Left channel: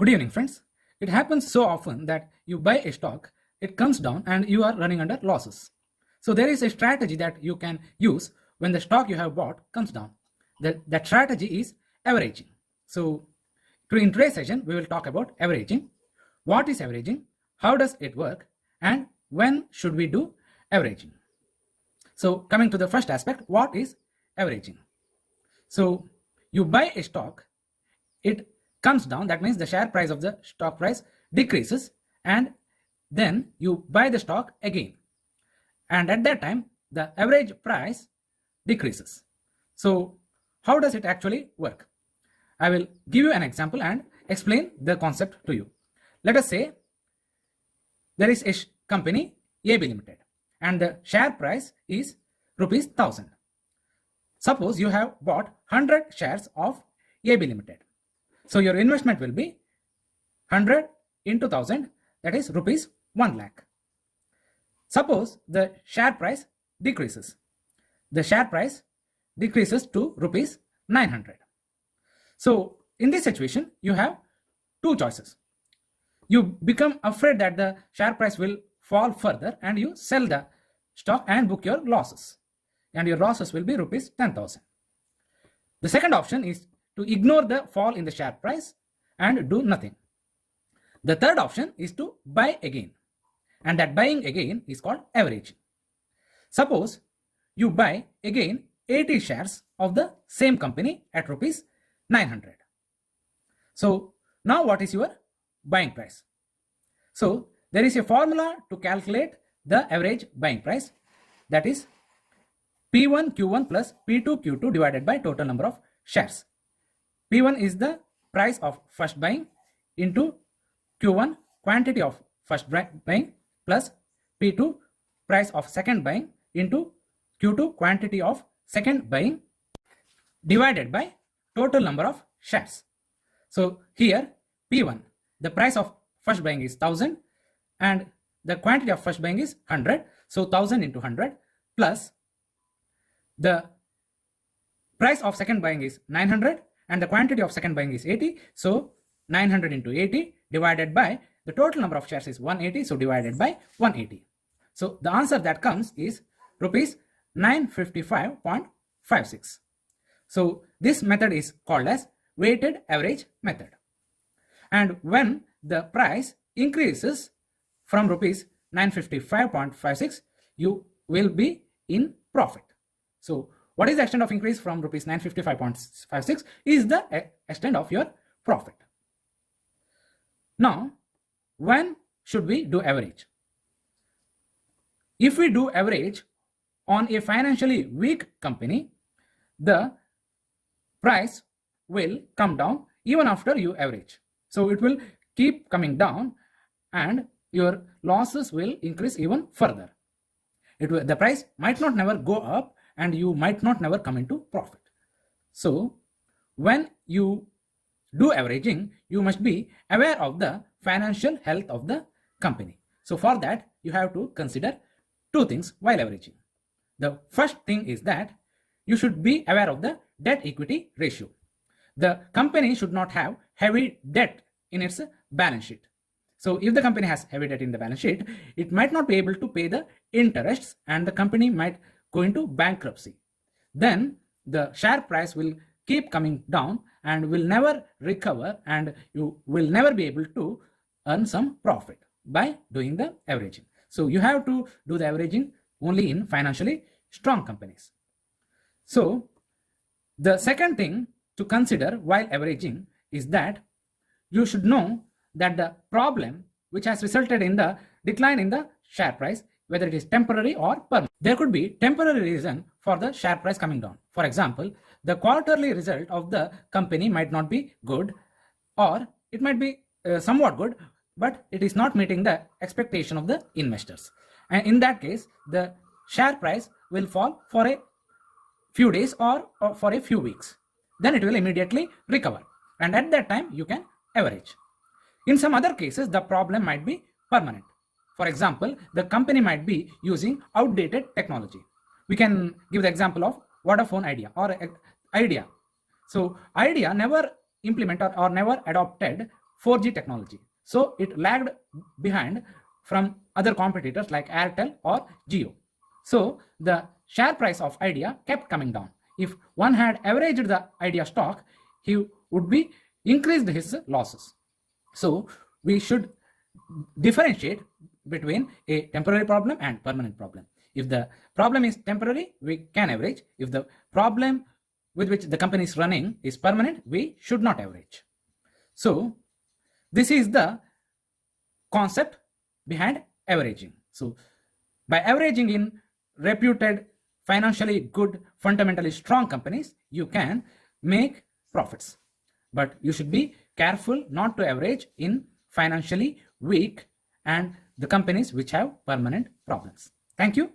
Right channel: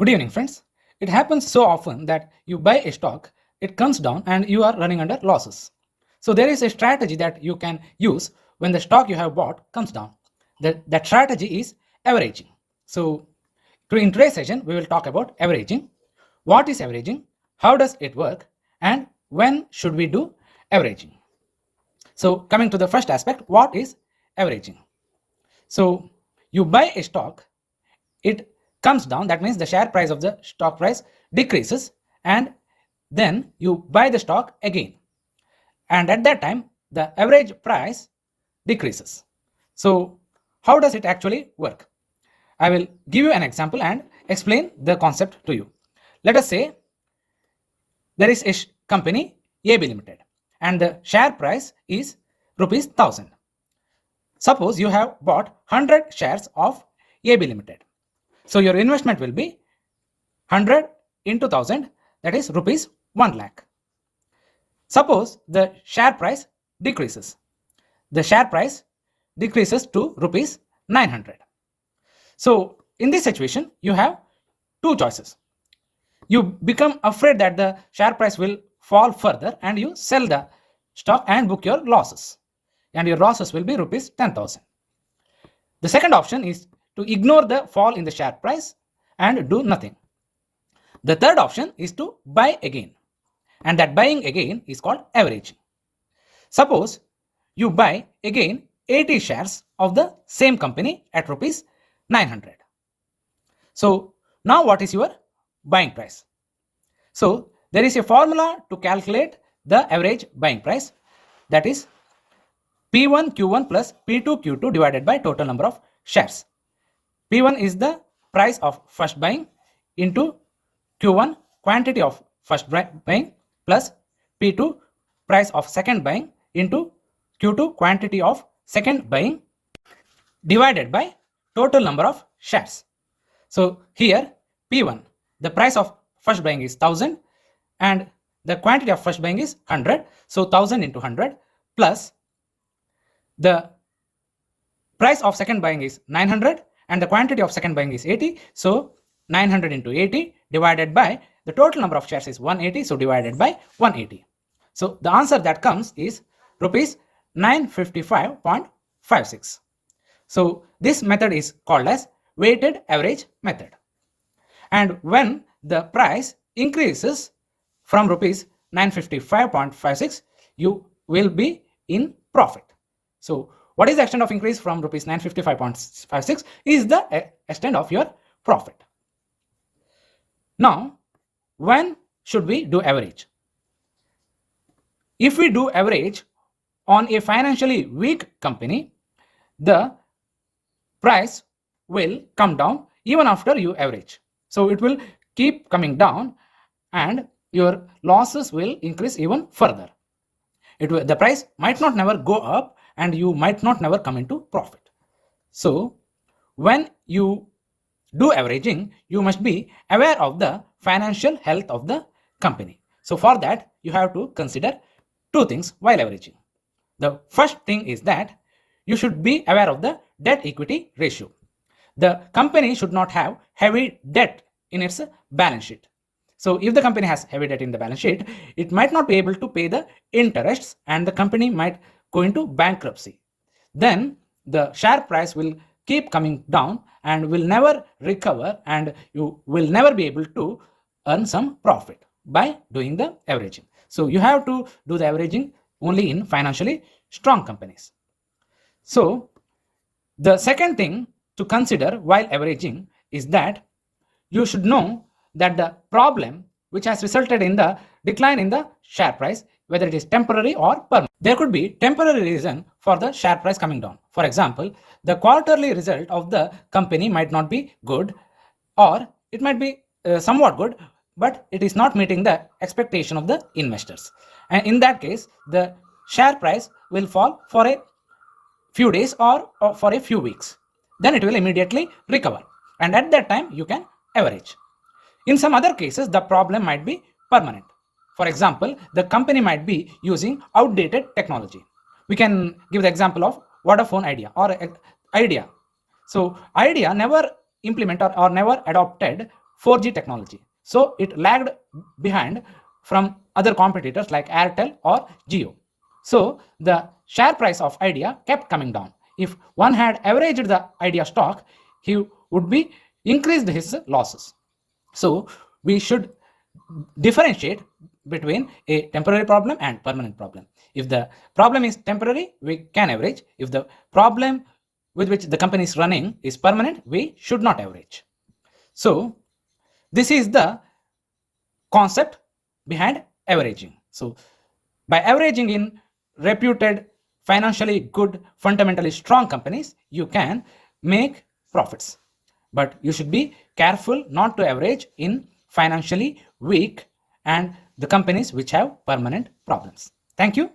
Good evening, friends. It happens so often that you buy a stock, it comes down, and you are running under losses. So, there is a strategy that you can use when the stock you have bought comes down. That strategy is averaging. So, in today's session, we will talk about averaging. What is averaging? How does it work? And when should we do averaging? So, coming to the first aspect, what is averaging? So, you buy a stock, it comes down, that means the share price of the stock price decreases, and then you buy the stock again, and at that time the average price decreases. So how does it actually work? I will give you an example and explain the concept to you. Let us say there is a company AB Limited and the share price is rupees 1000. Suppose you have bought 100 shares of AB Limited. So your investment will be 100 into 1000, that is rupees 1 lakh. Suppose the share price decreases. The share price decreases to rupees 900. So in this situation, you have two choices. You become afraid that the share price will fall further and you sell the stock and book your losses. And your losses will be rupees 10,000. The second option is to ignore the fall in the share price and do nothing. The third option is to buy again, and that buying again is called averaging. Suppose you buy again 80 shares of the same company at rupees 900. So now what is your buying price? So there is a formula to calculate the average buying price, that is P1 Q1 plus P2 Q2 divided by total number of shares. P1 is the price of first buying into Q1 quantity of first buying plus P2 price of second buying into Q2 quantity of second buying divided by total number of shares. So here P1, the price of first buying is 1000 and the quantity of first buying is 100. So 1000 into 100 plus the price of second buying is 900 and the quantity of second buying is 80. So 900 into 80 divided by the total number of shares is 180. So divided by 180. So the answer that comes is rupees 955.56. So this method is called as weighted average method. And when the price increases from rupees 955.56, you will be in profit. So what is the extent of increase from rupees 955.56 is the extent of your profit. Now, when should we do average? If we do average on a financially weak company, the price will come down even after you average. So it will keep coming down and your losses will increase even further. The price might not never go up and you might not never come into profit. So when you do averaging, you must be aware of the financial health of the company. So for that, you have to consider two things while averaging. The first thing is that you should be aware of the debt equity ratio. The company should not have heavy debt in its balance sheet. So if the company has heavy debt in the balance sheet, it might not be able to pay the interests and the company might go into bankruptcy. Then the share price will keep coming down and will never recover and you will never be able to earn some profit by doing the averaging. So you have to do the averaging only in financially strong companies. So the second thing to consider while averaging is that you should know that the problem which has resulted in the decline in the share price, whether it is temporary or permanent. There could be temporary reason for the share price coming down. For example, the quarterly result of the company might not be good, or it might be somewhat good, but it is not meeting the expectation of the investors. And in that case, the share price will fall for a few days or for a few weeks. Then it will immediately recover. And at that time, you can average. In some other cases, the problem might be permanent. For example, the company might be using outdated technology. We can give the example of Vodafone Idea or Idea. So Idea never implemented or never adopted 4G technology. So it lagged behind from other competitors like Airtel or Jio. So the share price of Idea kept coming down. If one had averaged the Idea stock, he would be increased his losses. So we should differentiate between a temporary problem and permanent problem. If the problem is temporary, we can average. If the problem with which the company is running is permanent, we should not average. So this is the concept behind averaging. So by averaging in reputed, financially good, fundamentally strong companies, you can make profits. But you should be careful not to average in financially weak and the companies which have permanent problems. Thank you.